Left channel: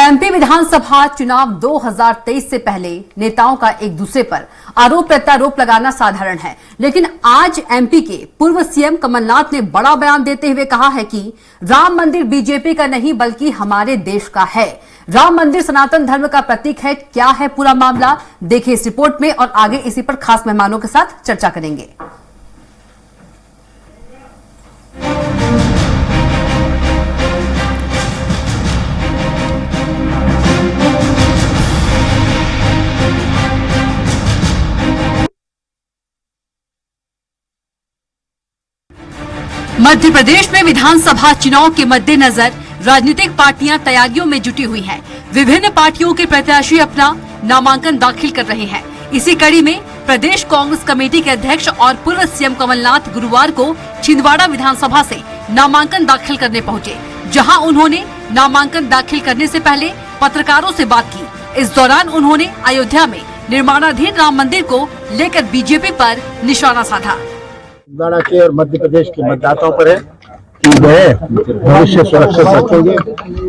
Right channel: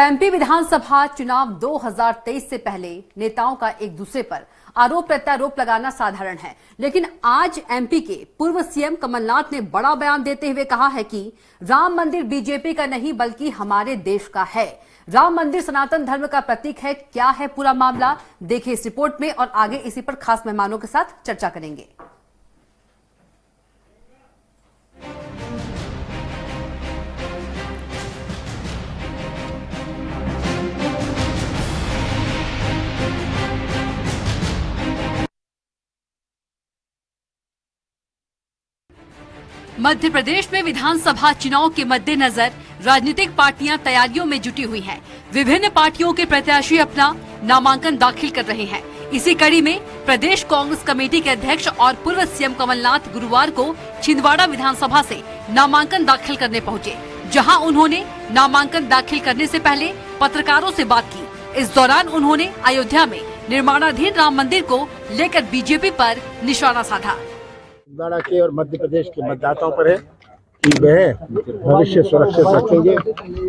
MP विधानसभा चुनाव 2023 से पहले नेताओं का एक दूसरे पर आरोप प्रत्यारोप लगाना साधारण है, लेकिन आज एमपी के पूर्व सीएम कमलनाथ ने बड़ा बयान देते हुए कहा है कि राम मंदिर बीजेपी का नहीं बल्कि हमारे देश का है। राम मंदिर सनातन धर्म का प्रतीक है। क्या है पूरा मामला, देखिए इस रिपोर्ट में और आगे इसी पर खास मेहमानों के साथ चर्चा करेंगे। मध्य प्रदेश में विधानसभा चुनाव के मद्देनजर राजनीतिक पार्टियां तैयारियों में जुटी हुई हैं। विभिन्न पार्टियों के प्रत्याशी अपना नामांकन दाखिल कर रहे हैं। इसी कड़ी में प्रदेश कांग्रेस कमेटी के अध्यक्ष और पूर्व सीएम कमलनाथ गुरुवार को छिंदवाड़ा विधानसभा से नामांकन दाखिल करने पहुंचे, जहां उन्होंने नामांकन दाखिल करने से पहले पत्रकारों से बात की। इस दौरान उन्होंने अयोध्या में निर्माणाधीन राम मंदिर को लेकर बीजेपी पर निशाना साधा। छिंदवाड़ा के और मध्य प्रदेश के मतदाताओं पर है कि वह भविष्य सुरक्षित रखेंगे।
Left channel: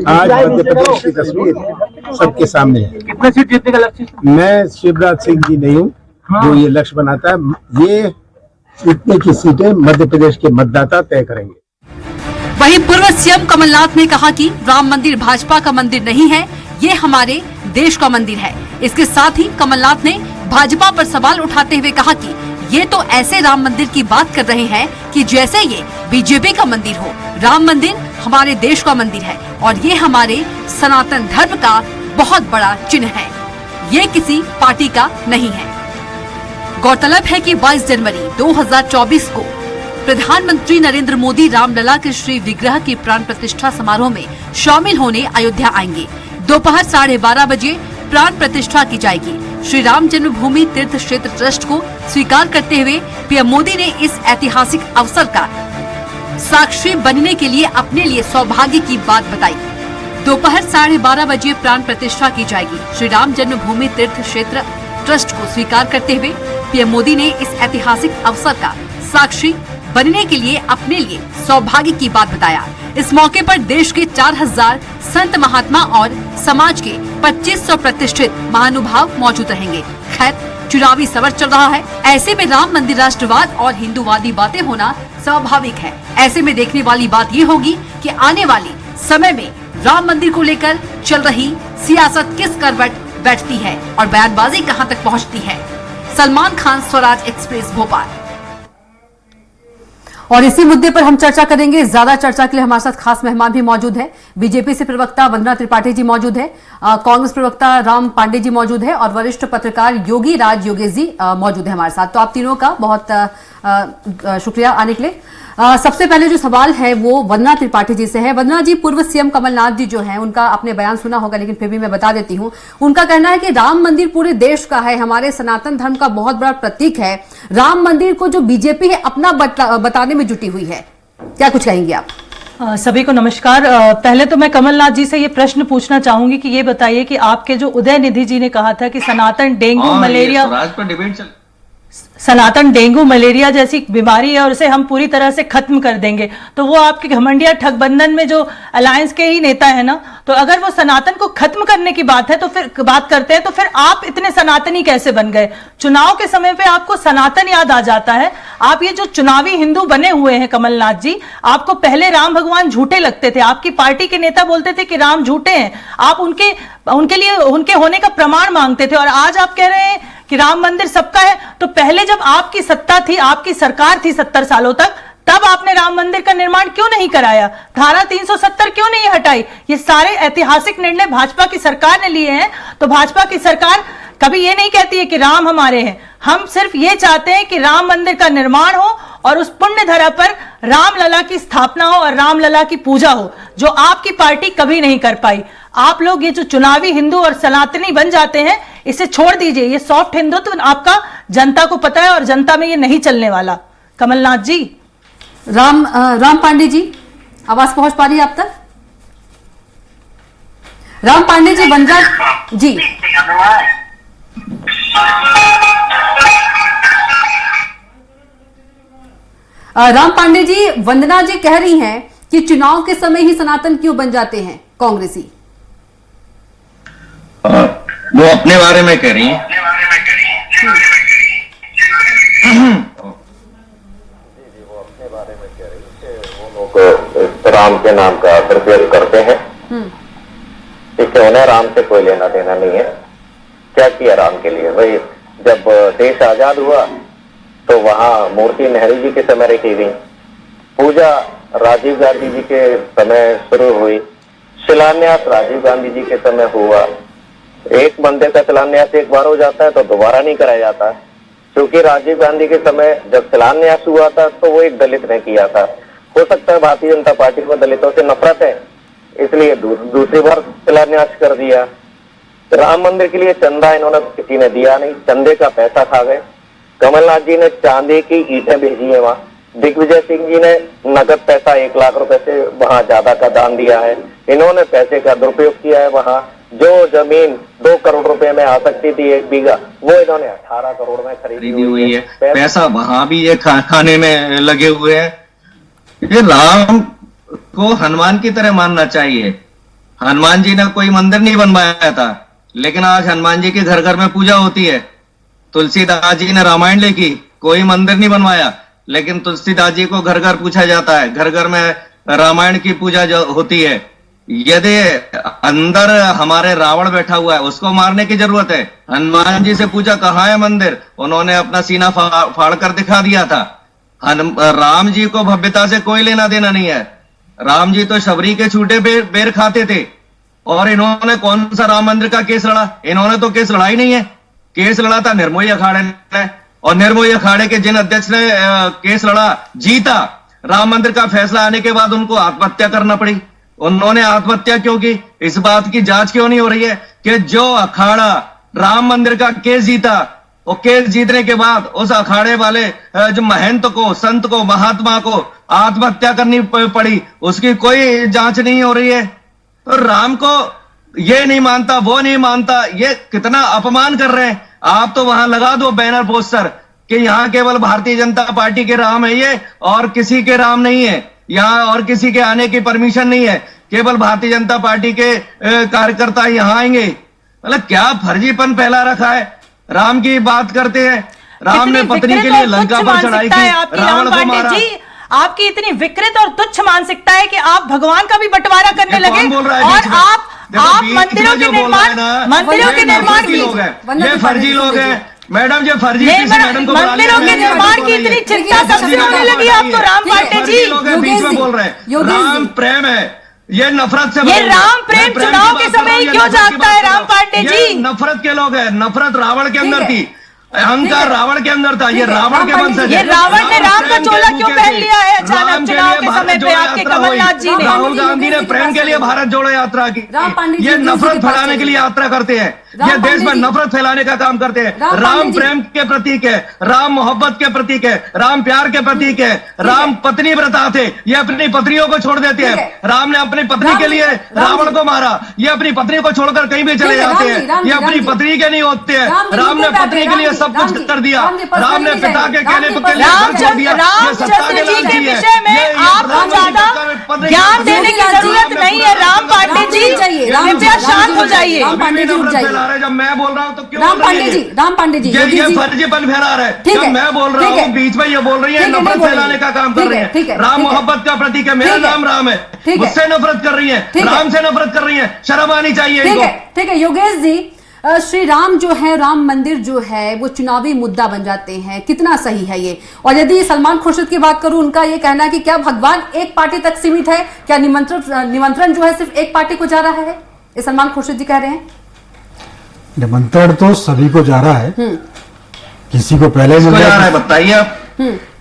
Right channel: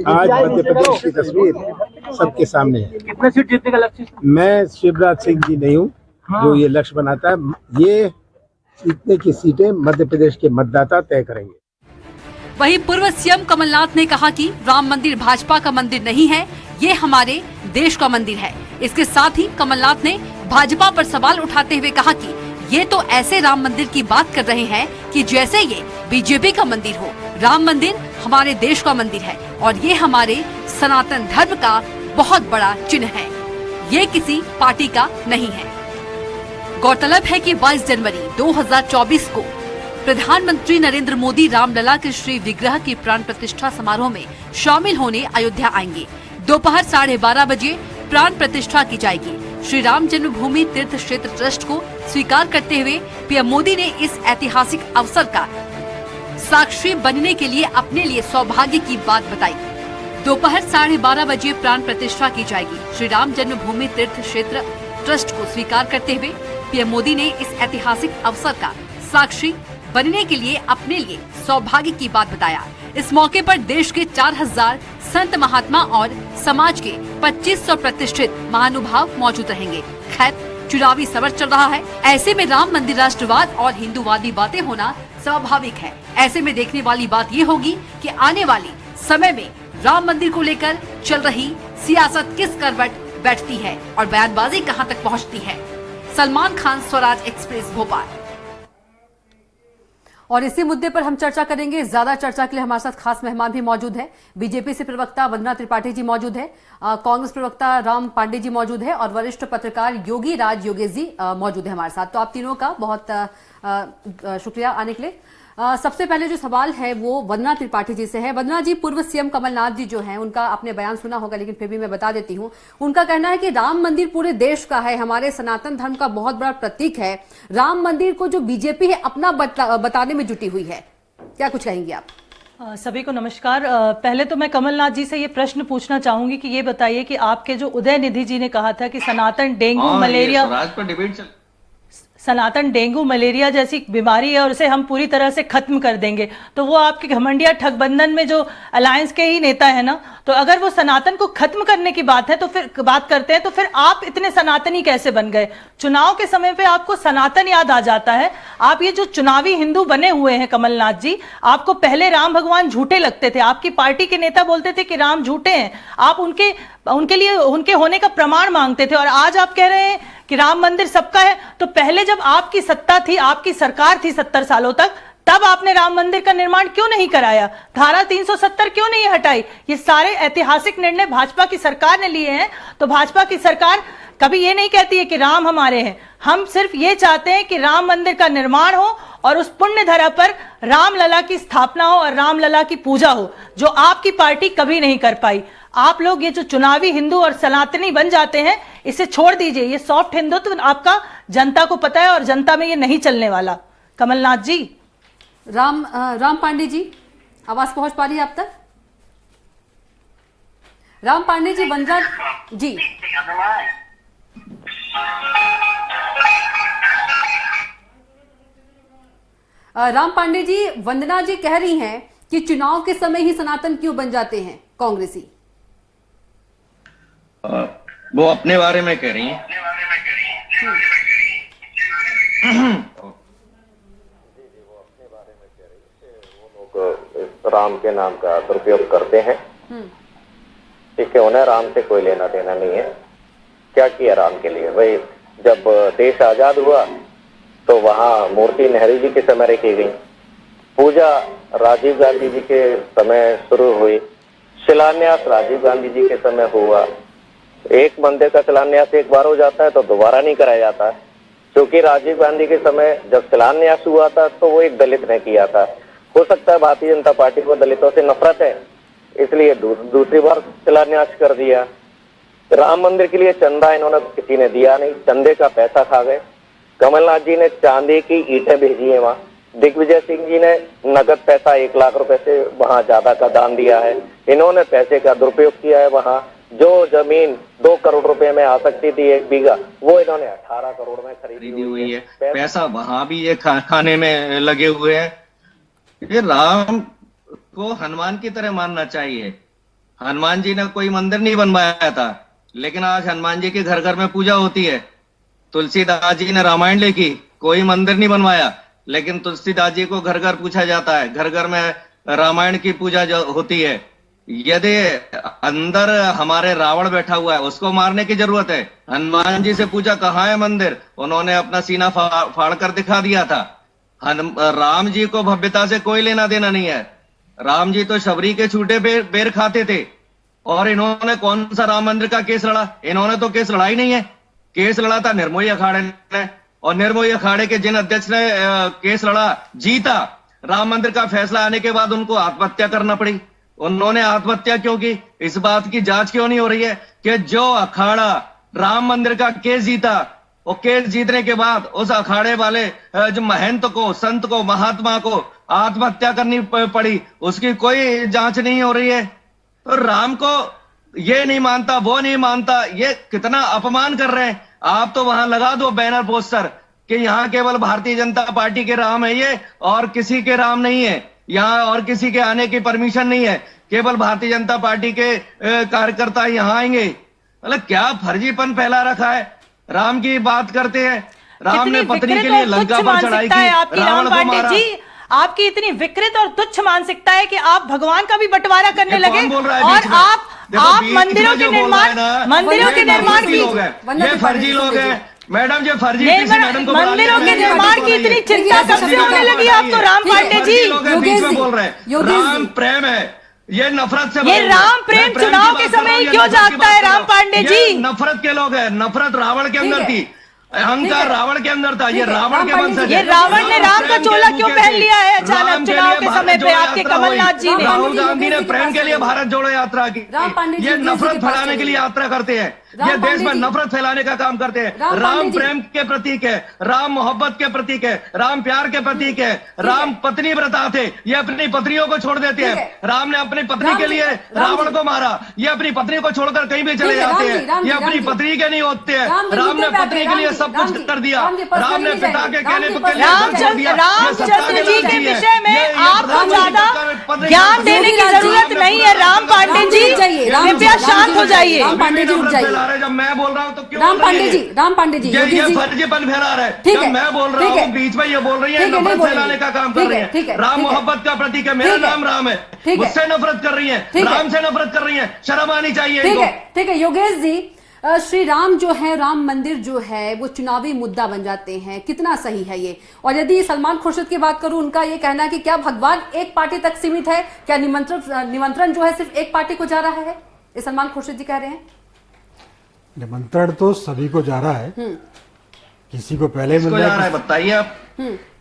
आज मध्य प्रदेश की तस्वीर सबके सामने है। कितने सीट जीतने का लक्ष्य? मैं शिवराज सिंह जी नहीं हूँ जो ये लक्ष्य बनाता है। ये इतने की सीटें मध्य प्रदेश के मतदाता तय करेंगे। वहीं पूर्व सीएम कमलनाथ ने कहा कि राम मंदिर भाजपा का मंदिर नहीं है, ये हमारे देश का मंदिर है। इसके साथ ही कमलनाथ ने भाजपा पर सवाल उठाते हुए कहा कि ये तो ऐसे राम मंदिर की बात कर रहे हैं कि जैसे ये बीजेपी का मंदिर हो। राम मंदिर हमारे देश का मंदिर है और ये हमारे सनातन धर्म का बहुत बड़ा चिन्ह है, ये किसी पार्टी का नहीं है। गौरतलब है कि 22 जनवरी 2024 को प्रधानमंत्री नरेंद्र मोदी रामलला के श्री विग्रह की प्राण प्रतिष्ठा समारोह में शामिल होने अयोध्या आएंगे। दोपहर 12:30 बजे प्राण प्रतिष्ठा की जाएगी। श्री राम जन्मभूमि तीर्थ क्षेत्र ट्रस्ट को स्वीकार करते हुए पीएम मोदी ने इस ऐतिहासिक अवसर का साक्षी बनने के लिए अपने लिए सौभाग्य की बात बताई। दोपहर 12:30 बजे प्राण प्रतिष्ठा की जाएगी। श्री राम जन्मभूमि तीर्थ क्षेत्र ट्रस्ट को स्वीकार करते हुए पीएम मोदी ने इस ऐतिहासिक अवसर का साक्षी बनने के लिए अपने लिए सौभाग्य की बात बताया। इस मौके पर देश के 4000 संत महात्मा और समाज के 2500 प्रतिष्ठित महानुभाव मौजूद रहेंगे। खैर, चुनावी समर चल रहा है, ऐसे में राम मंदिर राष्ट्रवाद और हिंदूवादी बातें होना स्वाभाविक है। ऐसे में देखने वाली बात ये होगी कि आने वाले समय में राम मंदिर को लेकर चल रही सियासत किस करवट बैठती है और बयानबाजी कहां तक पहुंचती है। सलमान खान, स्वराज एक्सप्रेस, भोपाल। और इसी मुद्दे पर हम चर्चा करेंगे। ज्यादा चर्चा के लिए हमारे साथ खास मेहमान भी मौजूद है। बीजेपी से प्रवक्ता वंदना त्रिपाठी जी मौजूद है, कांग्रेस प्रवक्ता राम पांडे जी मौजूद है और वरिष्ठ पत्रकार योगी राज योगेश जी मौजूद है हमारे साथ। तो आप तीनों का बहुत शुक्रिया आने के लिए। सबसे पहले जो सवाल है वो वंदना त्रिपाठी जी से है। वंदना जी, पूर्व सीएम कमलनाथ जी जो हैं, उनका आपने बयान सुना होगा, लेकिन फिर भी मैं बता देती हूं। उनका कहना है कि राम मंदिर पूरे देश का है, हमारे सनातन धर्म का बहुत बड़ा प्रतीक है। राम मंदिर को जो बीजेपी है अपना बताने में जुटी हुई है, क्या कुछ कहेंगे आप? सभी को नमस्कार। पहले तो मैं कमलनाथ जी से ये प्रश्न पूछना चाहूंगी कि ये बताइए कि आपके जो उदयनिधि जी ने कहा था कि सनातन डेंगू मलेरिया जैसी बीमारी है और उसे हम पूरी तरह से खत्म कर देंगे, तो वो आपके घमंडिया ठगबंधन में जो अलायंस के ही नेता है ना, तो अगर वो सनातन को खत्म करने की बात है तो फिर बात करते हैं, तो फिर आप इतने सनातनी कैसे बन गए? चुनाव के समय पे आपको सनातन याद आ जाता है। आप ये जो चुनावी हिंदू बने हुए हैं कमलनाथ जी, आपको पहले राम भगवान झूठे लगते थे, आपकी पार्टी के नेता बोलते थे कि राम झूठे हैं, आप उनके लिए उनके होने का प्रमाण मांगते थे, और आज आप कह रहे हैं कि राम मंदिर सबका है। तो पहले जब आपकी सत्ता थी, आपकी सरकार थी 70 सालों तक, तब आपने राम मंदिर का निर्माण क्यों नहीं कराया? धारा 370 क्यों नहीं हटाई? ये सारे ऐतिहासिक निर्णय भाजपा की सरकार ने लिए हैं। तो भाजपा की सरकार कभी ये नहीं कहती है कि राम हमारे हैं। हम सिर्फ ये चाहते हैं कि राम मंदिर का निर्माण हो और उस पुण्य धरा पर रामलला की स्थापना हो और रामलला की पूजा हो, जो आपकी पार्टी कभी नहीं कर पाई। आप लोग ये जो चुनावी हिंदू और सनातनी बन जाते हैं, इसे छोड़ दीजिए। ये सॉफ्ट हिंदुत्व आपका जनता को पता है और जनता में ये नहीं चलने वाला। कमलनाथ जी। राम पांडे जी, आवाज पहुंच पा रही है आप तक? राम पांडे जी, वंदना जी। राम पांडे जी, वंदना जी कह रही हैं कि चुनाव के समय ही सनातन क्यों बन जाते हैं कांग्रेसी? वो अपने बारे में कह रही हैं। राम के नाम का दुरुपयोग करते हैं। इससे उन्हें राम से कोई लेना देना नहीं है। क्या किया राम के लिए? भाई जब देश आजाद हुआ तो वहां मूर्ति नेहरू जी के समय रखी गई, पूजा राजीव गांधी जी के समय शुरू हुई, शिलान्यास राजीव गांधी जी के समय हुआ। एक मंदिर का शिलान्यास एक बार हो जाता है तो दोबारा नहीं कराया जाता, क्योंकि राजीव गांधी के समय जब शिलान्यास हुआ था तो वो एक दलित ने किया था। हो सकता है भारतीय जनता पार्टी को दलितों से नफरत है, इसलिए दूसरी बार शिलान्यास कर दिया। राम मंदिर के लिए चंदा इन्होंने किसी ने दिया नहीं, चंदे का पैसा खा गए। कमलनाथ जी ने चांदी की ईंटें भेजी है वहां, दिग्विजय सिंह जी ने नगद पैसा 1 लाख रुपए से वहां ज्यादा का दान दिया है। इन्होंने पैसे का दुरुपयोग किया है। वहां जो जमीन 2 करोड़ रुपए में आ सकती थी 1 बीघा, वो इन्होंने 18 करोड़ में खरीदी हुई है। पैसा वहां भी ये खाने में लगे हुए हैं। ये राम को हनुमान की तरह मानना चाहिए। हनुमान जी ने कोई मंदिर नहीं बनवाया था, लेकिन आज हनुमान जी के घर घर में पूजा होती है। तुलसीदास जी ने रामायण लिखी, कोई मंदिर नहीं बनवाया, लेकिन तुलसीदास जी को घर घर पूछा जाता है, घर घर में रामायण की पूजा जो होती है। यदि अंदर हमारे रावण बैठा हुआ है, उसको मारने की जरूरत है। हनुमान जी से पूछा कहाँ है मंदिर, उन्होंने अपना सीना फाड़ कर दिखा दिया था। राम जी को भव्यता से कोई लेना देना नहीं है। राम जी तो शबरी के छूटे बेर खाते थे, और इन्होंने कौन सा राम मंदिर का केस लड़ा? इन्होंने तो केस लड़ा ही नहीं है। केस लड़ा था निर्मोही अखाड़े ने, और निर्मोही अखाड़े के जिन अध्यक्ष ने केस लड़ा, जीता। राम मंदिर का फैसला आने के बाद उनको आत्महत्या करना पड़ी। उन्होंने आत्महत्या क्यों की? इस बात की जांच क्यों नहीं हो रही है कि जो अखाड़ा राम मंदिर का केस जीता, वो केस जीतने के बाद उस अखाड़े वाले जो महंत को, संत को, महात्मा को आत्महत्या करनी पड़ी, उसकी कोई जांच नहीं हो रही है। तो राम को ये नहीं मानता, वो नहीं मानता, ये कितना अपमान कर रहे हैं। आप तो वहां लगा दो बैनर पोस्टर कि यहाँ केवल भारतीय जनता पार्टी के राम है ये, और किसी के राम नहीं है यहाँ, और किसी के आने की परमिशन नहीं है, केवल भारतीय जनता पार्टी के कार्यकर्ता यहाँ आएंगे। मतलब क्या फर्जीपन फैला रखा है। राम की बात करते हैं, राम ने पत्नी के लिए लंका पर चढ़ाई की, रावण को मारा। आपकी इतनी विकृत और तुच्छ मानसिकता है कि आप भगवान का भी बंटवारा करने लगे, और आप मंदिरों के निर्माण की ये फर्जी लोग हैं मैडम, जो फर्जी मंदिरों के निर्माण की इतनी चिंता कब से होने लगी आपको राम पांडे जी? बीच में बोल रहे हैं राम प्रेम है, ये नफरत से, ये राम प्रेम चुनाव के समय ही क्यों जागता है राम पांडे जी? नफरत के लोग हैं। नफरत रावण के अंदर थी, अहंकार रावण के अंदर था। ये रावण के वंशज। ये रावण ने राम का चोला क्यों पहन लिया है अचानक चुनाव के समय पे आपके कमलनाथ जी ने? राहुल गांधी ने प्रेम के लिए भारत जोड़ो यात्रा की। ये नफरत फैलाने के लिए यात्रा करते हैं, ये देश में नफरत फैलाने का काम करते हैं। राम प्रेम के प्रतीक है, राम मोहब्बत के प्रतीक है, राम प्यार के प्रतीक है। राम पत्नी व्रता थे, ये अपनी पत्नियों को छोड़ देते हैं। राम ने अपनी पत्नी के लिए रावण को मारा, ये अपनी पत्नी को छोड़कर कहीं भी चले जाते हैं। ये अपनी पत्नी के नहीं होते हैं। राम ने पत्नी के लिए सब कुछ कर दिया। राम ने पिता के कहने पर रामचंद्र जी के विषय में आपको ज्यादा ज्ञान देने की जरूरत नहीं है राम पांडे जी, कृपया शांत हो जाइए। जब मैं बोल रहा हूँ तो क्यों राम पांडे जी ये फर्जीपन फैला रहे हैं। जब मैं बोल रहा हूँ बीच में ये बोल रही है, नफरत फैलाने का काम कर रही है। राम मोहब्बत का प्रतीक है, मेरा नाम राम है, मुझसे नफरत कर रही है, राम से नफरत कर रही है, शर्म आनी चाहिए। ठीक है योगेश जी, श्री राम जो है, राम मंदिर जो है वो चुनावी मुद्दा बन जाते हैं, कितना सही है ये? और यदि सलमान खुर्शीद की बात करूं, उनका ये कहना है कि क्या भगवान एक पार्टी तक सीमित है, क्या निमंत्रण जो है सिर्फ एक पार्टी को जा रहा है? ये सलमान खुर्शीद जी कह रहे हैं। निमंत्रण तो सभी को जा रहा है, किसी को पहले जा रहा है बताइए आप।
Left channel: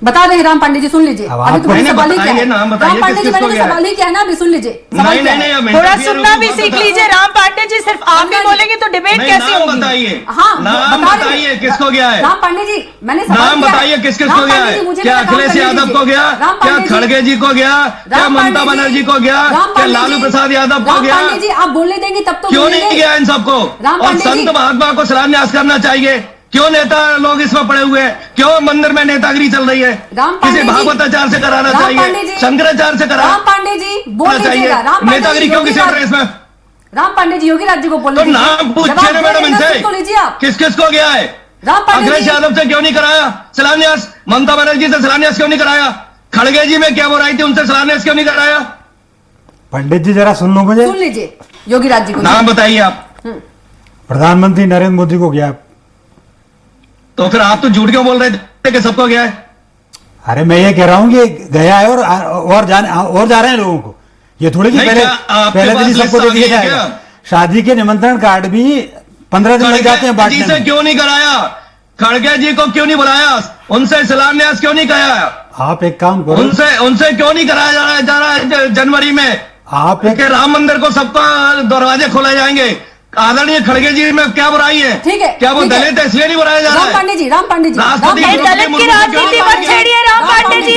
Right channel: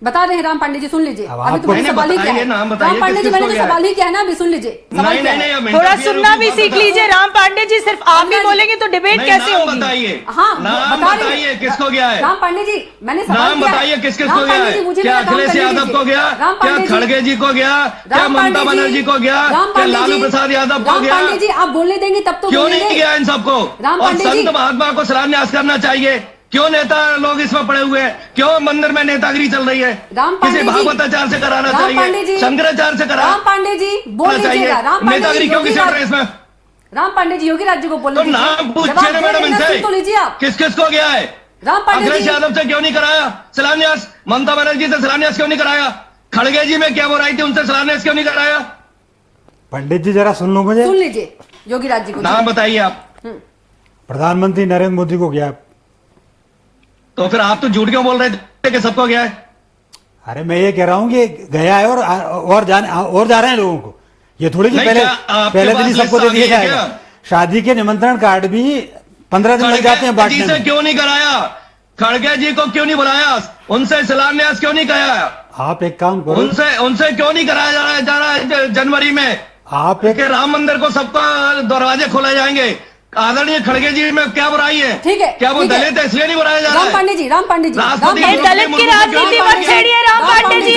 बता रहे हैं राम पांडे जी, सुन लीजिए। अभी तो सवाल ही क्या है, राम पांडे जी, मैंने तो सवाल ही क्या है ना, अभी सुन लीजिए। थोड़ा सुनना भी सीख लीजिए राम पांडे जी, सिर्फ आप भी बोलेंगे तो डिबेट कैसे होगी? हाँ बताइए किसको गया है? राम पांडे जी मैंने नाम बताइए किसको गया है? क्या अखिलेश यादव को गया, क्या खड़गे जी को गया, क्या ममता बनर्जी को गया, क्या लालू प्रसाद यादव को गया? पांडे जी आप बोलने देंगे तब तो क्यों नहीं गया इन सबको? और संत महात्मा को शिलान्यास करना चाहिए। क्यों नेता लोग इसमें पड़े हुए हैं? क्यों मंदिर में नेतागिरी चल रही है? किसी भागवताचार से कराना चाहिए, शंकराचार्य से कराना राम पांडे जी बोल दीजिएगा। नेतागिरी क्यों किसी इसमें? राम पांडे जी योगी राज्य को तो बोलने दीजिए। नाम पूछिए जवाब ना दे मैडम देना, इनसे, सुन तो लीजिए आप। किस किस को गया है? राम पांडे अखिलेश जी यादव से क्यों नहीं कराया शिलान्यास? ममता बनर्जी से शिलान्यास क्यों नहीं कराया? खड़गे जी में क्या बुराई थी, उनसे शिलान्यास क्यों नहीं कराया? पंडित जी जरा सुन लो मुझे। सुन लीजिए योगी राज्य को। नाम बताइए आप। प्रधानमंत्री नरेंद्र मोदी को गया। तो फिर आप तो झूठ क्यों बोल रहे थे कि सबको गया है? अरे मैं ये कह रहा हूँ कि गया है और जा रहे हैं लोगों को। ये थोड़ी कि नहीं, पहले क्या आपके पहले दिन ही पास सबको दे लिस्ट दिया आ गई है जाएगा। क्या? शादी के निमंत्रण कार्ड भी 15 दिन लग जाते हैं खड़गे जी बांटने से में। क्यों नहीं कराया? खड़गे जी को क्यों नहीं बुलाया? उनसे शिलान्यास क्यों नहीं कराया? आप एक काम करो, उनसे क्यों नहीं कराया जा रहा है जनवरी में आप एक कि राम मंदिर को सबका दरवाजे खोले जाएंगे? आदरणीय खड़गे जी में क्या बुराई है? ठीक है, क्या वो ठीक है। दलित है इसलिए नहीं बुलाया जा रहा राम है? पांडे जी, राम पांडे जी, राष्ट्रपति राम पांडे जी। दलित की राजनीति मत छेड़िए राम पांडे जी।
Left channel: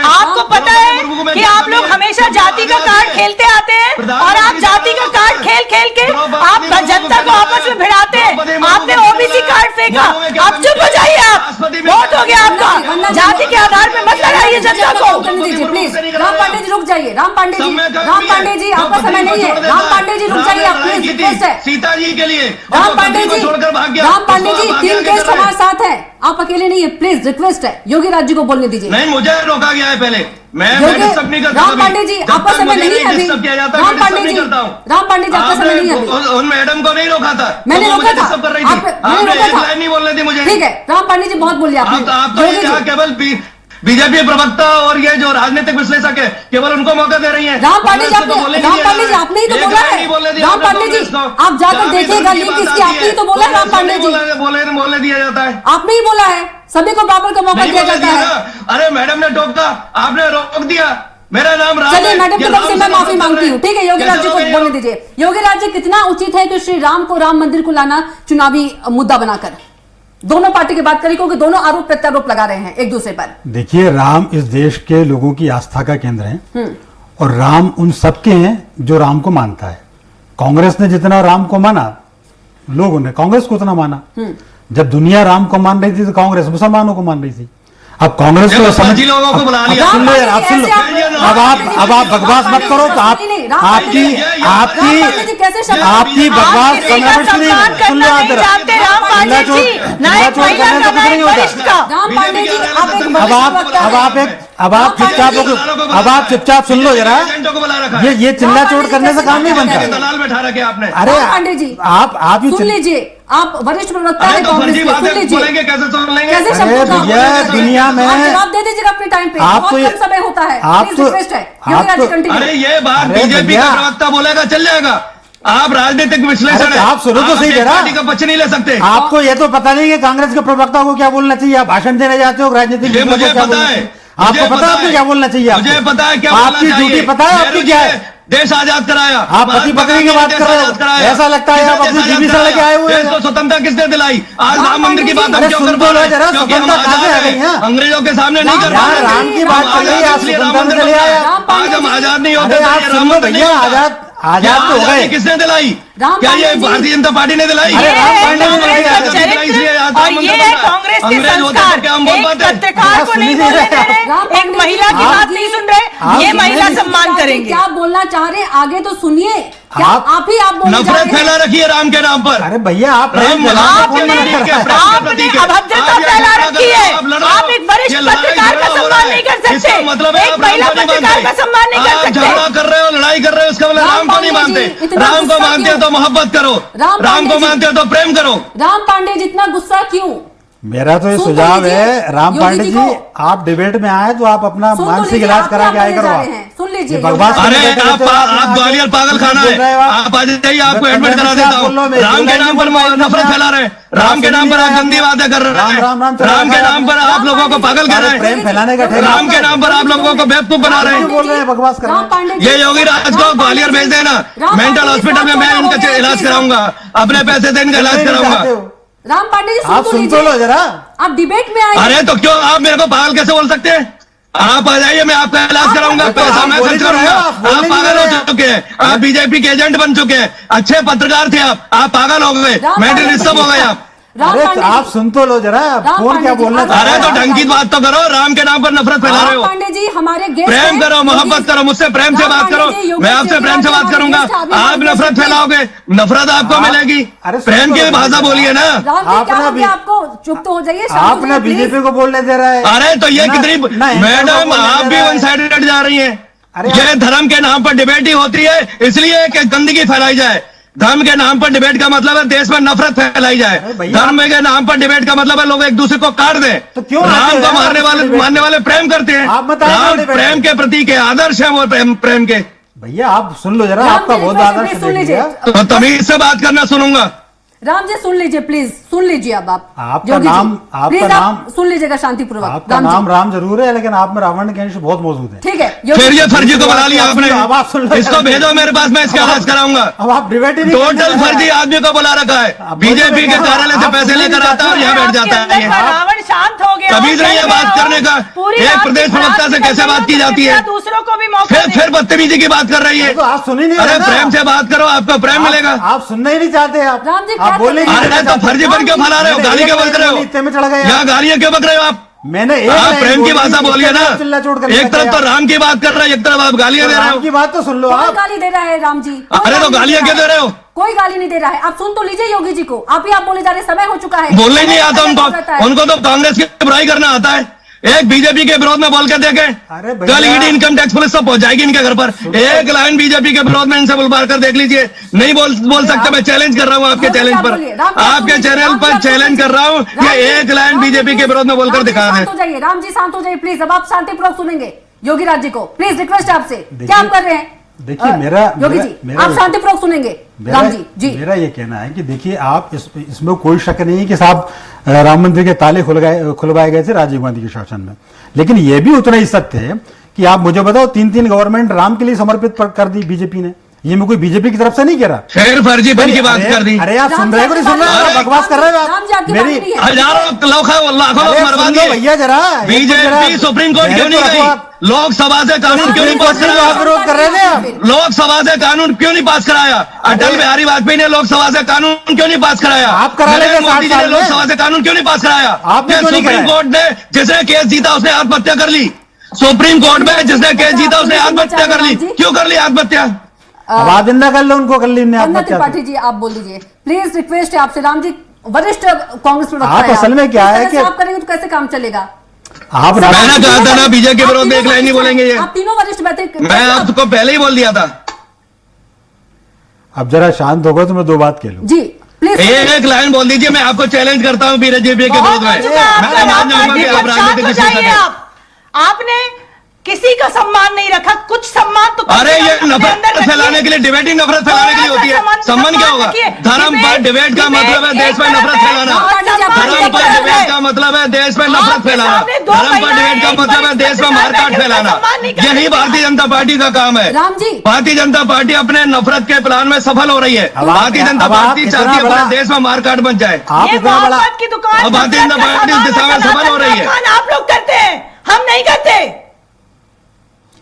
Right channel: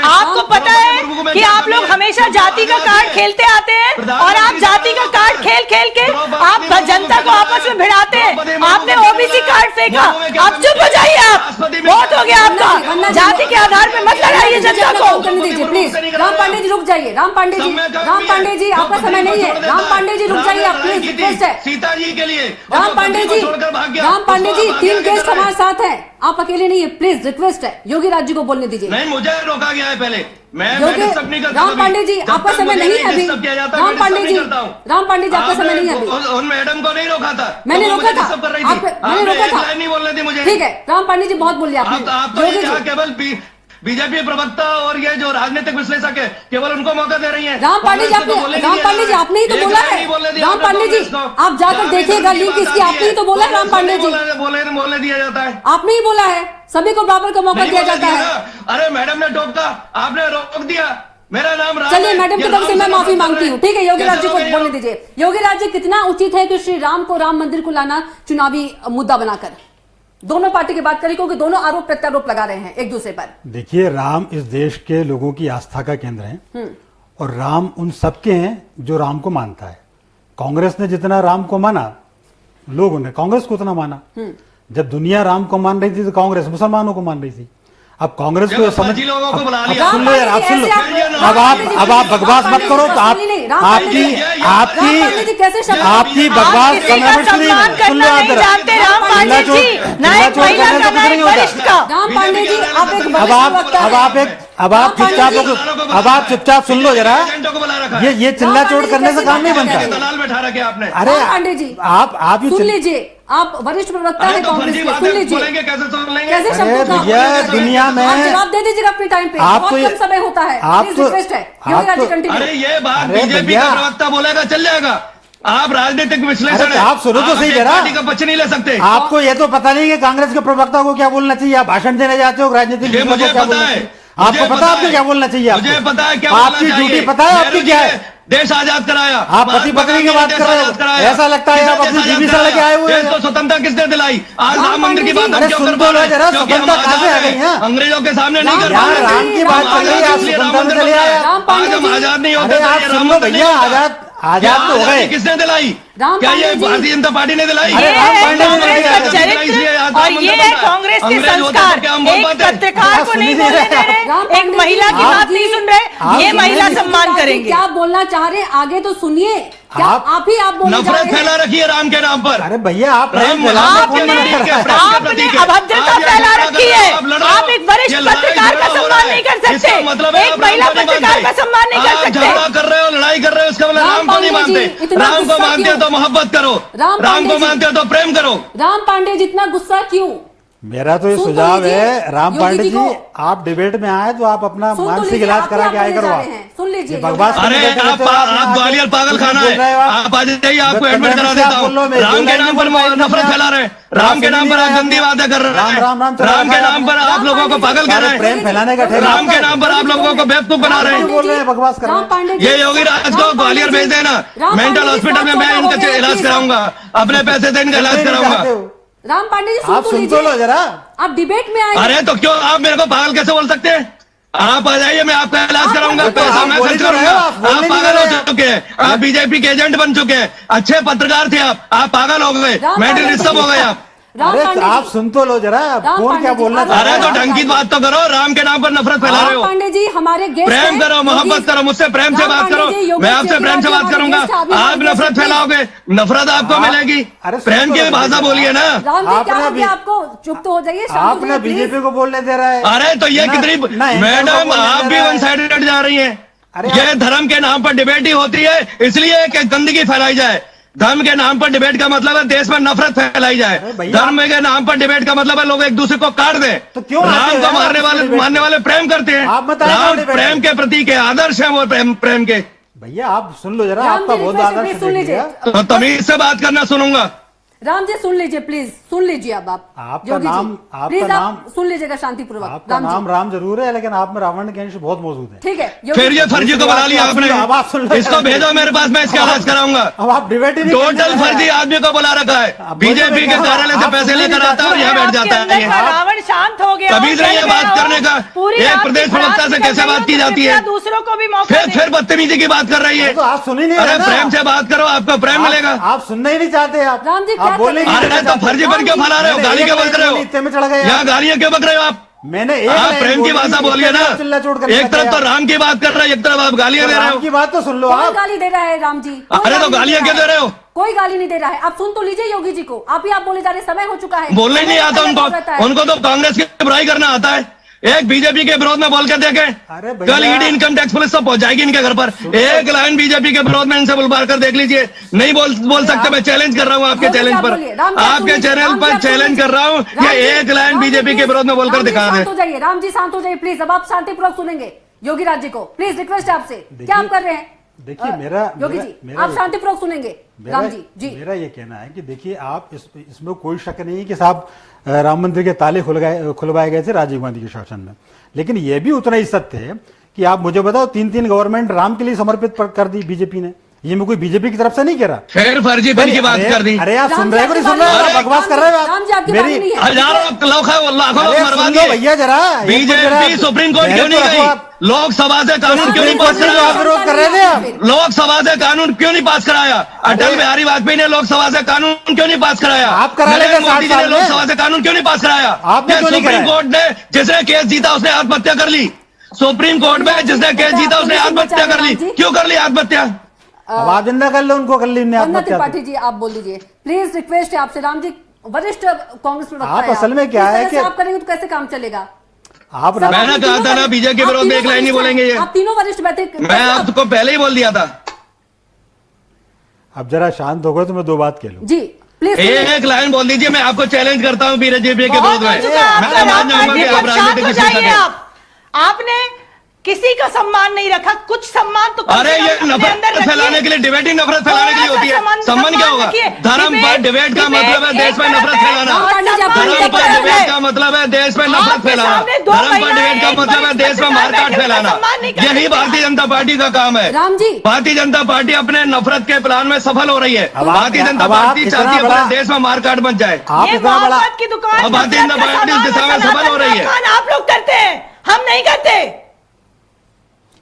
आपको पता है कि आप लोग हमेशा जाति का कार्ड खेलते आते हैं और आप जाति का कार्ड खेल खेल के आप जनता को आपस में भिड़ाते हैं। आपने ओबीसी कार्ड फेंका, आप चुप हो जाइए। आप बहुत हो गया आपका। जाति के आधार पर मत लड़ाइए जनता को। करने दीजिए प्लीज। राम पांडे जी रुक जाइए। राम पांडे जी, राम पांडे जी आपका समय नहीं है। राम पांडे जी रुक जाइए आप प्लीज, रिक्वेस्ट है। सीता जी के लिए राम पांडे जी, राम पांडे जी 3 गेस्ट हमारे साथ हैं, आप अकेले नहीं है, प्लीज रिक्वेस्ट है। योगी राज्य को बोलने दीजिए। नहीं, मुझे रोका गया है पहले। मैं डिस्टर्ब नहीं करता। राम पांडे जी आपका समय नहीं है अभी। राम पांडे जी, राम पांडे जी आपका समय नहीं है अभी। उन मैडम को नहीं रोका था, मैंने वो रोका मुझे था, डिस्टर्ब कर रही आप- थी। मैंने आपने रोका एक था। लाइन नहीं बोलने दी मुझे। ठीक है राम पांडे जी बहुत बोल लिया आप आपने। तो योगी यहाँ जी, केवल बीजेपी प्रवक्ता और ये जो राजनीतिक विश्लेषक है केवल उनको मौका दे रही है। राम पांडे जी आपने, राम पांडे जी आपने ही तो बोला है। राम पांडे जी आप जाकर देखिएगा लिंक इसकी, आपने ही तो बोला है। राम पांडे जी बोलने दिया जाता है। आपने ही बोला है, सभी को बराबर का मौका नहीं दिया बोलने जाता दिया है। ना। अरे मैडम ने टोका, आपने रोक दिया। मेरा नाम राम चलिए है। मैडम की ये तरफ से राम मैं से माफी बात मांगती कर हूँ। रहे ठीक है योगी कैसे राज्य को हो गए बोलने आप? दीजिए। योगी राज्य कितना उचित है कि श्री राम को राम मंदिर को लाना चुनावी मुद्दा बनाकर? दोनों पार्टी की बात करें क्योंकि दोनों आरोप प्रत्यारोप लगा रहे हैं एक दूसरे पर। देखिए, राम इस देश के लोगों की आस्था का केंद्र है और राम उन सबके हैं जो राम को मानता है। कांग्रेस ने जितना राम को माना, लोगों ने कांग्रेस को उतना माना। जब दुनिया राम को मान रही थी तो कांग्रेस मुसलमानों को मान रही थी। अब कांग्रेस को समझ, लोगों को बुला लिया। अब सुन लो यार, आप सुन लो। अब आप बकवास मत करो। तो आपकी बकवास किसी का सम्मान करना नहीं जानते राम पांडे जी, ना एक महिला का ना एक वरिष्ठ का। राम पांडे जी आप एक वरिष्ठ वक्ता हैं। अब आप चुपचाप सुन लो जरा। एजेंटों को बुला रखा है। ये चिल्ला चोट करने से काम नहीं बनता। दलाल बैठा रखे आपने। अरे राम पांडे जी आप सुन लीजिए, आप वरिष्ठ प्रवक्ता अरे है तो कांग्रेस फर्जी के, बात सुन लीजिए। बोलेंगे कैसे सुन लेंगे? कैसे अरे शब्दों का भैया, उपयोग दुनिया में आप जवाब दे दीजिए अपने टाइम पे। आप बहुत तो कम समय होता है, आप प्लीज तो- रिक्वेस्ट है। आप योगी राज्य तो- कंटिन्यू। अरे ये बात अरे बीजेपी भैया। का प्रवक्ता बोलेगा चल जाएगा। आप राजनीतिक विश्लेषण अरे है। आप सुनो तो सही एक जरा। पार्टी का पक्ष नहीं ले सकते। आपको ये तो पता नहीं है कांग्रेस के प्रवक्ता को क्या बोलना चाहिए। आप भाषण देने जाते हो राजनीतिक ये मुझे क्या पता बोलना है। चाहिए? आपको पता है आपको क्या बोलना चाहिए? मुझे आपको? पता है क्या बोलना आपकी चाहिए। ड्यूटी पता है आपकी नेहरू क्या जी है? ने देश आजाद कराया। आप पति पत्नी की बात कर रहे हो। ऐसा लगता है आप अपनी बीवी से लेके आए हुए देश हैं। को स्वतंत्रता किसने दिलाई? आज राम मंदिर की बात हम अरे क्यों सुन कर तो पा लो रहे जरा, हैं? क्योंकि हम सुगंधा कहाँ से आ गई है? अंग्रेजों के सामने नहीं कर पा यार, रहे। राम की बात कर रही है, आप सुगंधा में चले आए। आज हम आजाद नहीं होते अरे थे, आप ये सुन राम लो मंदिर भैया, नहीं होता। आजाद तो हो गए। किसने दिलाई? राम क्या ये पांडे जी- भारतीय जनता पार्टी ने दिलाई? अरे ये राम है पांडे जी कांग्रेस ने का दिलाई। चरित्र और ये है कांग्रेस के संस्कार। एक पत्रकार को नहीं बोलने दे रहे, एक महिला की बात नहीं सुन रहे, ये महिला सम्मान करेंगे। क्या बोलना चाह रहे हैं आगे तो सुनिए। क्या आप- आप ही आप बोलना चाह नफरत रहे फैला हैं? रखी है राम के नाम पर। अरे भैया, आप राम प्रेम राम फैलाने के को नाम मत पर करो। आपने अभद्रता फैला रखी है। आप एक वरिष्ठ पत्रकार का सम्मान नहीं कर सकते, एक महिला पत्रकार का सम्मान नहीं कर सकते। झगड़ा कर रहे हो, लड़ाई कर रहे हो, इसका मतलब राम को नहीं पांडे जी, मानते। इतना राम को गुस्सा मानते हो क्यों? तो मोहब्बत करो, राम राम पांडे को जी- मानते हो तो प्रेम करो। राम पांडे जितना गुस्सा क्यों? मेरा तो ये सुन तो सुझाव लीजिए, है राम योगी पांडे जी जी, को। आप डिबेट में आए तो आप अपना सुन तो मानसिक लीजिए, इलाज आप करा के क्या आए बोलने करो। जा आप रहे हैं? सुन लीजिए, ये बकवास अरे करने के लिए आप ग्वालियर पागल खाना है। आप आज जाइए, आपको एडमिट करा देता हूँ। राम के नाम पर नफरत फैला रहे हैं। राम के नाम पर आप गंदी बातें कर रहे हैं। राम के नाम पर आप लोगों को पागल कर रहे हैं। प्रेम फैलाने का ठेला। राम के नाम पर आप लोगों को बेवकूफ बना रहे हैं। बोल रहे हैं, बकवास कर रहे राम हैं। पांडे जी- ये योगी राज को ग्वालियर भेज देना। राम मेंटल पांडे जी हॉस्पिटल में मैं बहुत इनका छोटा हो इलाज गया, कराऊंगा। अपने पैसे से इनका इलाज कराऊंगा। राम पांडे जी आप सुन तो सुन तो लो लीजिए। जरा। आप डिबेट में आए अरे तो क्यों आप मेरे को पागल कैसे बोल सकते हैं? आप आ जाइए, मैं आपका इलाज कराऊंगा, पैसा मैं खर्च करूंगा। आप पागल हो चुके हैं, आप बीजेपी के एजेंट बन चुके हैं। अच्छे पत्रकार थे आप पागल हो गए, मेंटल डिस्टर्ब हो गए आप। राम अरे पांडे आप जी, सुन तो लो जरा, राम कौन पांडे क्या जी, बोलना आप- चाह अरे रहा तो है? ढंग की बात तो करो, राम के नाम पर नफरत फैला रहे राम हो। पांडे जी हमारे गेस्ट प्रेम हैं। करो, मोहब्बत योगी- करो, मुझसे प्रेम से राम बात पांडे करो, जी, योगी मैं आपसे जी, प्रेम से बात हमारे करूंगा। गेस्ट हैं, अभी आप हमारे नफरत गेस्ट हैं। फैलाओगे, नफरत आपको मिलेगी। अरे प्रेम की सुनो, भाषा बोलिए ना। राम जी क्या आपने हो भी- गया आपको? चुप तो हो जाइए, शांत हो आप ना जाइए, please। बीजेपी को बोलने दे रहा है। अरे तो ये ना- कितनी ना इनको मैडम, बोलने आप दे भी रहा है। वन साइडेड जा रही हैं। अरे ये धर्म के नाम पर डिबेट ही होती है, इसलिए कि गंदगी फैलाई जाए। धर्म के नाम पर डिबेट का मतलब है देश में नफरत फैलाई जाए। अरे भैया, धर्म के नाम पर डिबेट का मतलब है लोग एक दूसरे को काट दें। तो क्यों आते राम हैं को डिबेट मानने वाले प्रेम करते हैं। आप बताइए राम डिबेट। प्रेम के प्रतीक है, आदर्श है वो प्रेम के। भैया आप सुन लो जरा, राम आपका जी, बहुत रिक्वेस्ट है, आदर्श please सुन लीजिए। देखिएगा। तो तमीज से बात करना सुनूंगा। राम जी सुन लीजिए, प्लीज सुन लीजिए। अब आप आपका योगी जी, नाम- आपका प्लीज आप नाम- सुन लीजिएगा शांतिपूर्वक। आपका राम जी, नाम राम जरूर है, लेकिन आप में रावण के अंश बहुत मौजूद है। ठीक है योगी फिर ये फर्जी को बना लिया अब आप सुन आपने, लो। इसको भेजो मेरे पास, मैं इसका इलाज कराऊंगा। अब आप डिबेट ही नहीं टोटल करते हैं। फर्जी आदमी को बुला रखा है। अब बीजेपी के बोलो, कार्यालय से आप पैसे सुनिए, लेकर आता है और यहाँ बैठ जाता है ये। रावण शांत हो गया। तमीज नहीं है बात करने का। एक प्रदेश प्रवक्ता से कैसे बात की जाती है? दूसरों को भी मौका फिर बदतमीजी की बात कर रही है। तो आप सुन ही नहीं अरे रहे ना। प्रेम से बात करो, आपको प्रेम मिलेगा। आप सुनना ही नहीं चाहते आप। राम जी, आप क्या बोले कर- अरे तो फर्जी पर क्यों फैला रहे हो? गाली क्यों बक रहे हो? इतने में चढ़ा गया। यहाँ गालियां क्यों बक रहे हो आप? मैंने एक आप लाइन प्रेम की बोली, भाषा बोलिए ना। चिल्ला चोट कर एक तरफ तो राम की बात कर रहे हैं, एक तरफ आप गालियां दे रहे राम हो। की बात तो सुन लो कौन आप। गाली दे रहा है? राम जी कौन अरे तो गाली गालियां क्यों दे रहे हो? कोई गाली नहीं दे रहा है। आप सुन तो लीजिए योगी जी को। आप ही आप बोले जा रहे, समय हो चुका है। बोलने ही नहीं आता समय हो जाता है। उनको तो कांग्रेस की बुराई करना आता है। एक बीजेपी के विरोध में बोल के देखे, अरे भैया- कल ईडी इनकम टैक्स पुलिस सब पहुंच जाएगी इनके घर पर। एक लाइन बीजेपी के विरोध में इनसे बुलवा कर देख लीजिए। नहीं बोल सकते। मैं चैलेंज कर रहा हूँ आपके राम जी, चैलेंज आप पर, बोलिए। राम जी, आप आपके सुनिए। चैनल राम जी, पर आप चैलेंज सुनिए। कर रहा हूँ राम कि जी, एक लाइन राम जी, बीजेपी के please, विरोध में बोलकर राम जी, दिखा शांत दें। हो जाइए। राम जी शांत हो जाइए प्लीज। अब आप शांतिपूर्वक सुनेंगे योगी राज जी को। प्लीज रिक्वेस्ट है आपसे। क्या आप कर रहे हैं? देखिए, मेरा- योगी मेरा- जी मेरा- आप शांतिपूर्वक सुनेंगे। राम जी जी मेरा ये कहना है कि देखिए, आप इसमें कोई शक नहीं है कि साहब राम मंदिर के ताले खुलवाए गए थे राजीव गांधी के शासन में, लेकिन यह भी उतना ही सत्य है कि आप मुझे बताओ, 3 गवर्नमेंट राम के लिए समर्पित कर दी बीजेपी ने। ये मैं कोई बीजेपी की तरफ से नहीं कह रहा। फिर फर्जीपन की बात कर दी। अरे आप राम सुन जी, रहे हो कि नहीं सुन रहे हो? अरे, बकवास कर रहे हो राम जी, आप। आपकी बात नहीं है। हजारों लाखों लोग अरे बर्बाद सुन लो भैया जरा, बीजेपी सुप्रीम कोर्ट क्यों नहीं गई? लोकसभा से कानून क्यों नहीं पास कराया? विरोध कर रहे थे आप। लोकसभा से कानून क्यों नहीं पास कराया? अटल बिहारी वाजपेयी ने लोकसभा से कानून क्यों नहीं पास कराया? आप करा लेंगे नरेंद्र मोदी 60 जी ने साल में। लोकसभा से कानून क्यों नहीं पास कराया? आपने ये क्यों नहीं सुप्रीम कराया? कोर्ट ने जिसने केस जीता उसने आत्महत्या कर ली। सुप्रीम कोर्ट में जिसने केस जीता उसने आत्महत्या कर ली। क्यों कर ली आत्महत्या? वादिंदा कर लो उनको, कर ली अन्ना आत्महत्या। त्रिपाठी जी आप बोल दीजिए प्लीज। रिक्वेस्ट है आपसे। राम जी वरिष्ठ कांग्रेस प्रवक्ता आप हैं असल में क्या इस है तरह से कि- आप करेंगे तो कैसे काम चलेगा? आप मैंने कहा था ना बीजेपी के विरोध में एक लाइन नहीं बोलेंगे ये। आप तीनों वरिष्ठ बैठे। मैं आपको पहले ही बोल दिया था। अब जरा शांत होगा तो मैं 2 बात कह लूं। जी प्लीज एक लाइन बोल दीजिए, मैं आपको चैलेंज करता हूँ बीजेपी के बहुत विरोध हो में। चुका है आपका। मैं राम मान पांडे जाऊंगा कि जी, आप अब शांत राजनीति हो की जाइए। शिक्षा आप आपने किसी का सम्मान नहीं रखा। कुछ सम्मान तो अरे ये अपने अंदर नफरत रखिए। फैलाने के लिए, डिबेट ही नफरत फैलाने के लिए होती है। सम्मान क्या होगा? रखिए। धर्म पर डिबेट का मतलब है देश में नफरत फैलाना। धर्म पर डिबेट का मतलब है देश में नफरत फैलाना। धर्म पर डिबेट का मतलब है देश में मारकाट फैलाना। यही भारतीय जनता पार्टी का काम है। राम जी भारतीय जनता पार्टी अपने नफरत के प्लान में सफल हो रही है। अब आप- भारतीय जनता अब आप पार्टी इतना चाहती है बड़ा- पूरे देश में मारकाट बच जाए। आप ये इतना बड़ा मोहब्बत की दुकान अब भारतीय जनता नफरत का पार्टी इस दिशा में सामान, सफल हो रही है। सनातन का आप लोग करते हैं, हम नहीं करते।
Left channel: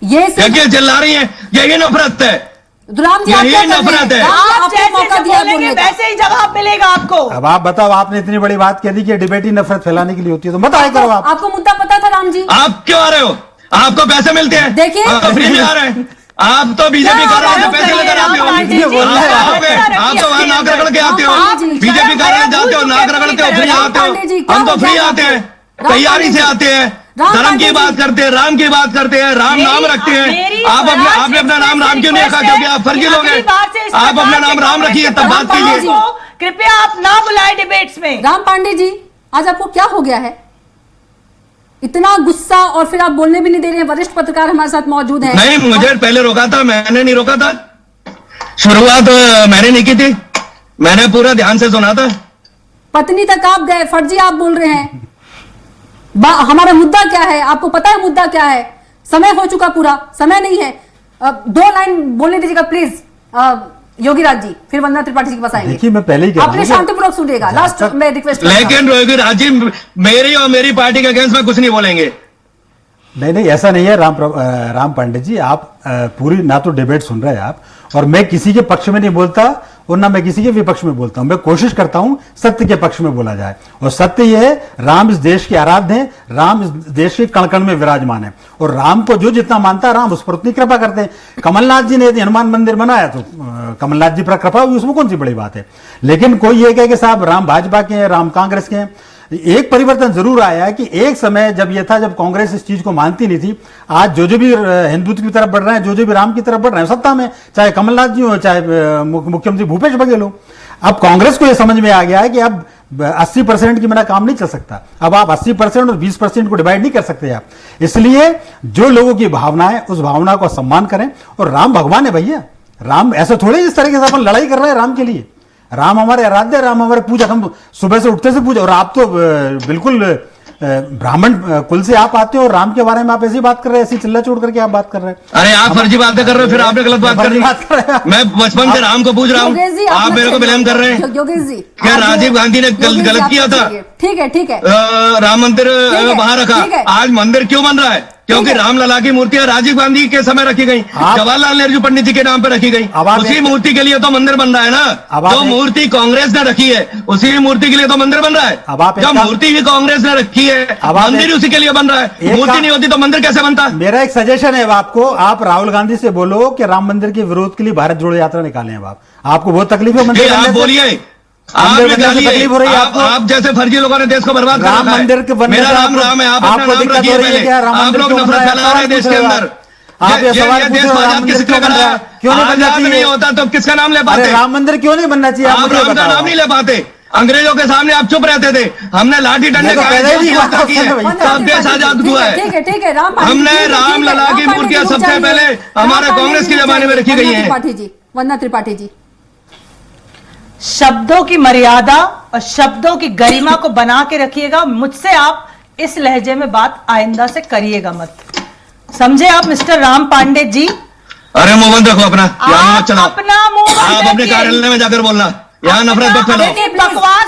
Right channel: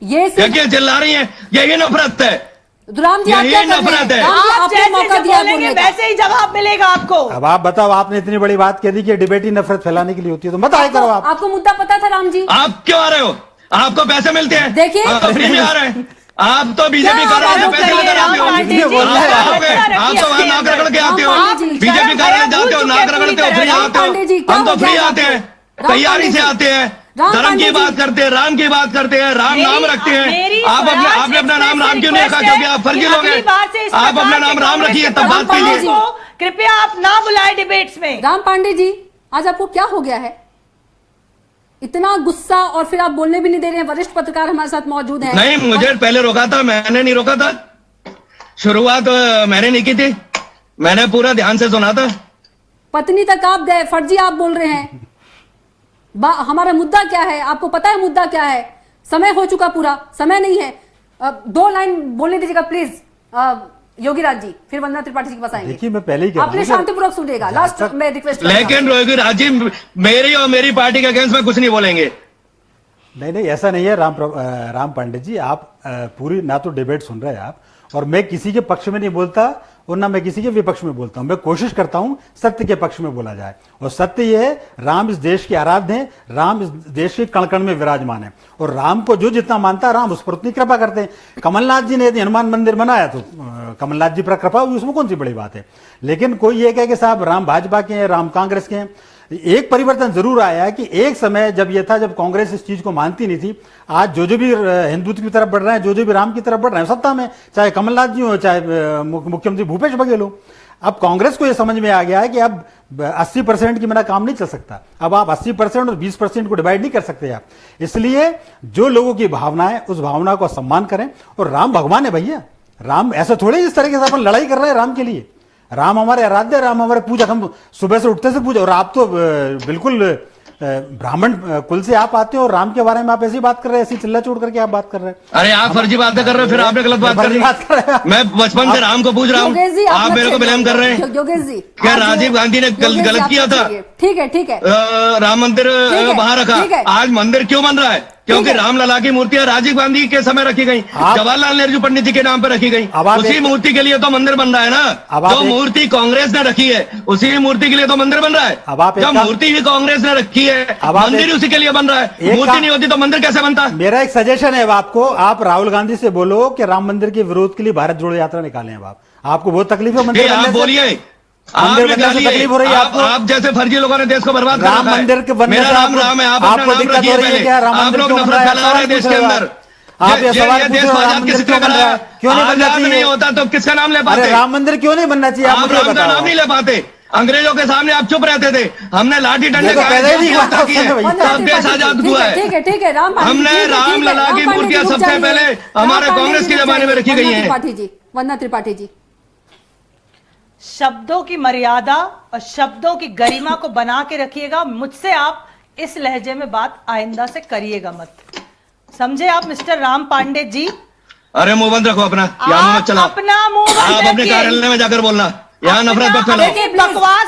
ये सिर्फ- देखिए चिल्ला रही है, यही नफरत है। राम जी आप यही क्या कर रहे हैं? नफरत है। राम जी, आप आपको जैसे मौका जब दिया बोलेंगे बोलने का। वैसे ही जवाब मिलेगा आपको। अब आप बताओ, आपने इतनी बड़ी बात कह दी कि डिबेट ही नफरत फैलाने के लिए होती है, तो बताया करो आप। आपको मुद्दा पता था राम जी? आप क्यों आ रहे हो? आपको पैसे मिलते हैं? देखिए। फ्री में आ रहे हैं। आप तो बीजेपी क्या कर रहे हैं, बात पैसे कर लेकर रहे हैं? आते हो। राम पांडे जी, आप आओगे, आप तो वहाँ नाक रगड़ के आते हो। राम पांडे जी, बीजेपी कर रहे हैं, जाते हो, राम नाक रगड़ते हो, फ्री राम आते पांडे जी, हो। क्या हम हो तो फ्री गया? आते हैं, राम तैयारी पांडे से जी। आते हैं, राम धर्म पांडे की जी। बात करते हैं, राम की बात करते हैं, राम नाम रखते मेरी हैं। आप स्वराज आपने अपना नाम राम क्यों नहीं रखा? क्योंकि आप फर्जी लोग हैं। अगली बार से इस आप अपना प्रकार नाम के राम रखिए, तब राम बात पांडे कीजिए। जी। को कृपया आप ना बुलाए डिबेट्स में। राम पांडे जी आज आपको क्या हो गया है? इतना गुस्सा, और फिर आप बोलने भी नहीं दे रहे हैं। वरिष्ठ पत्रकार हमारे साथ मौजूद हैं। नहीं, मुझे पहले रोका था, मैंने नहीं रोका था। शुरुआत मैंने नहीं की थी, मैंने पूरा ध्यान से सुना था। पत्नी तक आप गए, फर्जी आप बोल रहे हैं। हमारा मुद्दा क्या है आपको पता है? मुद्दा क्या है? समय हो चुका, पूरा समय नहीं है। 2 लाइन बोलने दीजिएगा प्लीज योगी राज जी, फिर वंदना त्रिपाठी जी के पास आएंगे। देखिए, मैं पहले ही कह रहा आपने हूं कि- शांतिपूर्वक सुनिएगा। लास्ट में रिक्वेस्ट। लेकिन योगी राज जी मेरी और मेरी पार्टी के अगेंस्ट में कुछ नहीं बोलेंगे। नहीं नहीं, ऐसा नहीं है राम पांडे जी, आप पूरी ना तो डिबेट सुन रहे हैं आप, और मैं किसी के पक्ष में नहीं बोलता और ना मैं किसी के विपक्ष में बोलता हूं। मैं कोशिश करता हूं सत्य के पक्ष में बोला जाए, और सत्य यह है राम इस देश के आराध्य हैं, राम इस देश के कण कण में विराजमान है, और राम को जो जितना मानता है राम उस पर उतनी कृपा करते हैं। कमलनाथ जी ने यदि हनुमान मंदिर बनाया तो कमलनाथ जी पर कृपा हुई, उसमें कौन सी बड़ी बात है। लेकिन कोई ये कहे कि साहब राम भाजपा के हैं, राम कांग्रेस के हैं। एक परिवर्तन जरूर आया है कि एक समय जब यह था जब कांग्रेस इस चीज को मानती नहीं थी, आज जो भी हिंदुत्व की तरफ बढ़ रहे हैं, जो भी राम की तरफ बढ़ रहे हैं सत्ता में, चाहे कमलनाथ जी हो चाहे मुख्यमंत्री भूपेश बघेल हो, अब कांग्रेस को यह समझ में आ गया है कि अब 80% की मेरा काम नहीं चल सकता। अब आप 80% और 20% को डिवाइड नहीं कर सकते आप। इसलिए जो लोगों की भावना है उस भावना को सम्मान करें, और राम भगवान है भैया, राम ऐसा थोड़े इस तरीके से अपन लड़ाई कर रहे हैं राम के लिए। राम हमारे आराध्य, राम हमारे पूजा, हम सुबह से उठते से पूजा। और आप तो बिल्कुल ब्राह्मण कुल से आप आते हो, और राम के बारे में आप ऐसी बात कर रहे हैं, ऐसी चिल्ला चोट करके आप बात कर रहे हैं। अरे आप फर्जी बातें कर रहे हो, फिर आपने गलत बात कर रही। मैं बचपन से राम को पूछ रहा हूँ, आप मेरे को ब्लेम कर रहे हैं। योगेश जी, क्या राजीव गांधी ने गलत किया था? ठीक है ठीक है, राम मंदिर वहां रखा, आज मंदिर क्यों बन रहा है? क्योंकि रामलला की मूर्तियां राजीव गांधी के समय रखी गई, जवाहरलाल नेहरू पंडित जी के नाम पर रखी गई। उसी मूर्ति के लिए तो मंदिर बन रहा है ना। जो मूर्ति कांग्रेस ने रखी है उसी मूर्ति के लिए तो मंदिर बन रहा है। जो मूर्ति भी कांग्रेस ने रखी है मंदिर उसी के लिए बन रहा है। मूर्ति नहीं होती तो मंदिर कैसे बनता? मेरा एक सजेशन है आपको, आप राहुल गांधी से बोलो कि राम मंदिर के विरोध के लिए भारत जोड़ो यात्रा निकालें। अब आपको बहुत तकलीफ है मंदिर, आप बोलिए, तकलीफ हो रही है आप जैसे फर्जी लोगों ने देश को बर्बाद कर राम मंदिर के बनने मेरा राम राम है, आप अपना नाम रखिए पहले। आप लोग नफरत फैला रहे हैं देश के अंदर। आप ये सवाल देश को आजाद किसने कराया? क्यों नहीं बनना आजाद नहीं चाहिए? होता तो किसका नाम ले पाते? राम मंदिर क्यों नहीं बनना चाहिए? आप राम का नाम नहीं ले पाते। अंग्रेजों के सामने आप चुप रहते थे, हमने लाठी डंडे की यात्रा की है, तब देश आजाद हुआ है। ठीक है ठीक है, हमने राम लला की मूर्तियां सबसे पहले हमारे कांग्रेस के जमाने में रखी गई है। त्रिपाठी जी, वंदना त्रिपाठी जी, शब्दों की मर्यादा और शब्दों की गरिमा को बना के रखिएगा। मुझसे आप इस लहजे में बात आइंदा से करिएगा मत, समझे आप मिस्टर राम पांडे जी? अरे मुंह बंद रखो अपना, यहाँ मत चलाओ। अपना मुंह बंद आप अपने कार्यालय में जाकर बोलना, यहाँ नफरत मत फैलाओ,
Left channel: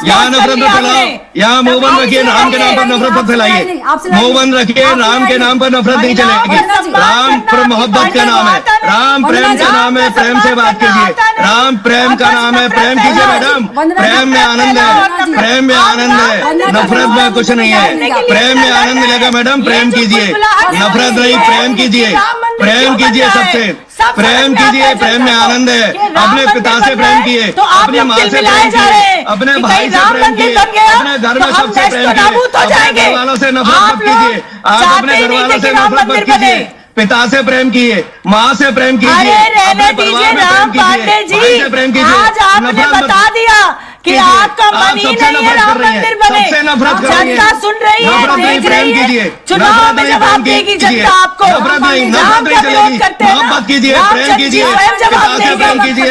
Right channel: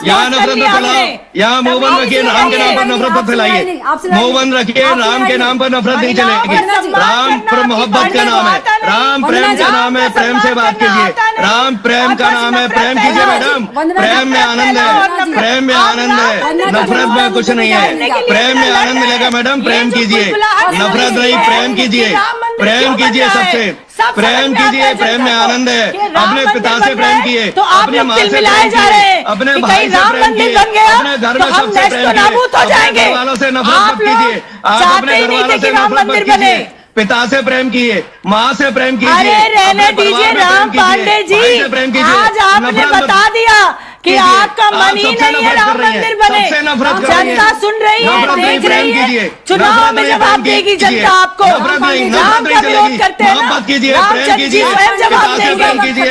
यहाँ नफरत मत फैलाओ, यहाँ मुंह बंद रखिए, राम के नाम पर नफरत मत फैलाइए। मुंह बंद रखिए, राम के नाम पर नफरत नहीं चलेगी। राम पर मोहब्बत का नाम है, राम प्रेम का नाम है, प्रेम से बात कीजिए। राम प्रेम का नाम है, प्रेम कीजिए मैडम। प्रेम में आनंद है, प्रेम में आनंद है, नफरत में कुछ नहीं है। प्रेम में आनंद लेगा मैडम, प्रेम कीजिए, नफरत नहीं, प्रेम कीजिए, प्रेम कीजिए, सबसे प्रेम कीजिए। प्रेम में आनंद है, अपने पिता से प्रेम किए, अपने माँ से प्रेम किए, अपने भाई से प्रेम किए, अपने घर में सबसे प्रेम किए, अपने घर वालों से नफरत मत कीजिए। आप अपने घर वालों से नफरत मत कीजिए, पिता से प्रेम किए, माँ से प्रेम कीजिए, रहने दीजिए राम पांडे जी, आज आपने बता दिया कि आपका मन ही नहीं है राम मंदिर बने। जनता सुन रही है, देख रही है, चुनाव में जवाब देगी जनता आपको। राम का विरोध करते हैं, राम जी स्वयं जवाब देंगे,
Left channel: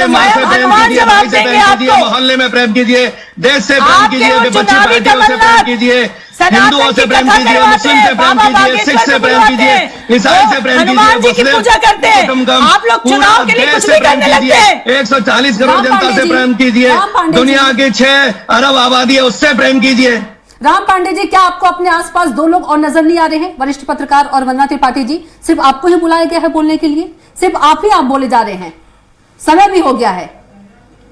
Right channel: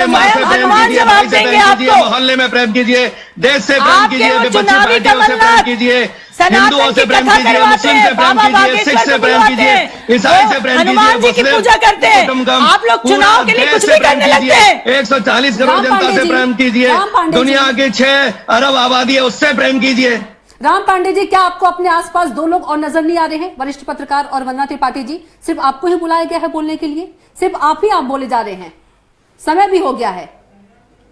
हनुमान जवाब देंगे आपको। मोहल्ले में प्रेम कीजिए, देश से प्रेम कीजिए, विपक्षी पार्टियों से प्रेम कीजिए, हिंदुओं से प्रेम कीजिए, मुस्लिम से प्रेम कीजिए, सिख से प्रेम कीजिए, ईसाई से प्रेम कीजिए, हनुमान जी की पूजा करते हैं। आप लोग चुनाव के लिए कुछ भी करने लगते हैं। 140 करोड़ जनता से प्रेम कीजिए, दुनिया की 6 अरब आबादी है उससे प्रेम कीजिए। राम पांडे जी, क्या आपको अपने आसपास दो लोग और नजर नहीं आ रहे हैं? वरिष्ठ पत्रकार और वंदना त्रिपाठी जी, सिर्फ आपको ही बुलाया गया है बोलने के लिए? सिर्फ आप ही बोले जा रहे हैं? समय भी हो गया है।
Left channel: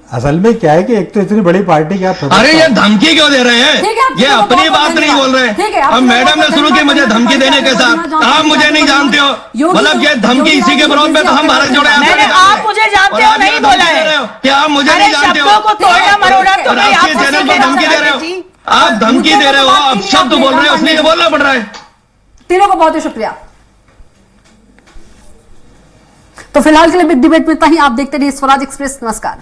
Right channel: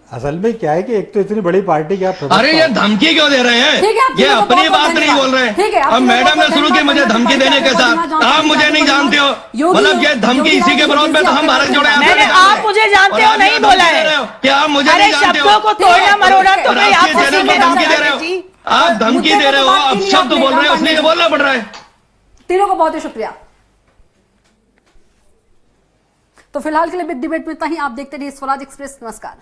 असल में क्या है कि एक तो इतनी बड़ी पार्टी की आप, अरे ये धमकी क्यों दे रहे हैं? ये अपनी बात नहीं बोल रहे हैं। अब मैडम ने शुरू की मुझे धमकी देने के साथ, आप मुझे नहीं जानते हो, मतलब ये धमकी इसी के विरोध में तो हम भारत जोड़ो यात्रा। आप मुझे जानते हो नहीं बोला है क्या? आप मुझे नहीं जानते हो? शब्दों को तोड़ना मरोड़ा तो नहीं, आप धमकी दे रहे हो, आप धमकी दे रहे हो, आप शब्द बोल रहे हो, इसलिए बोलना पड़ रहा है। तीनों को बहुत ही शुक्रिया। तो फिलहाल के लिए बिग डिबेट में इतना ही। आप देखते रहिए स्वराज एक्सप्रेस। नमस्कार।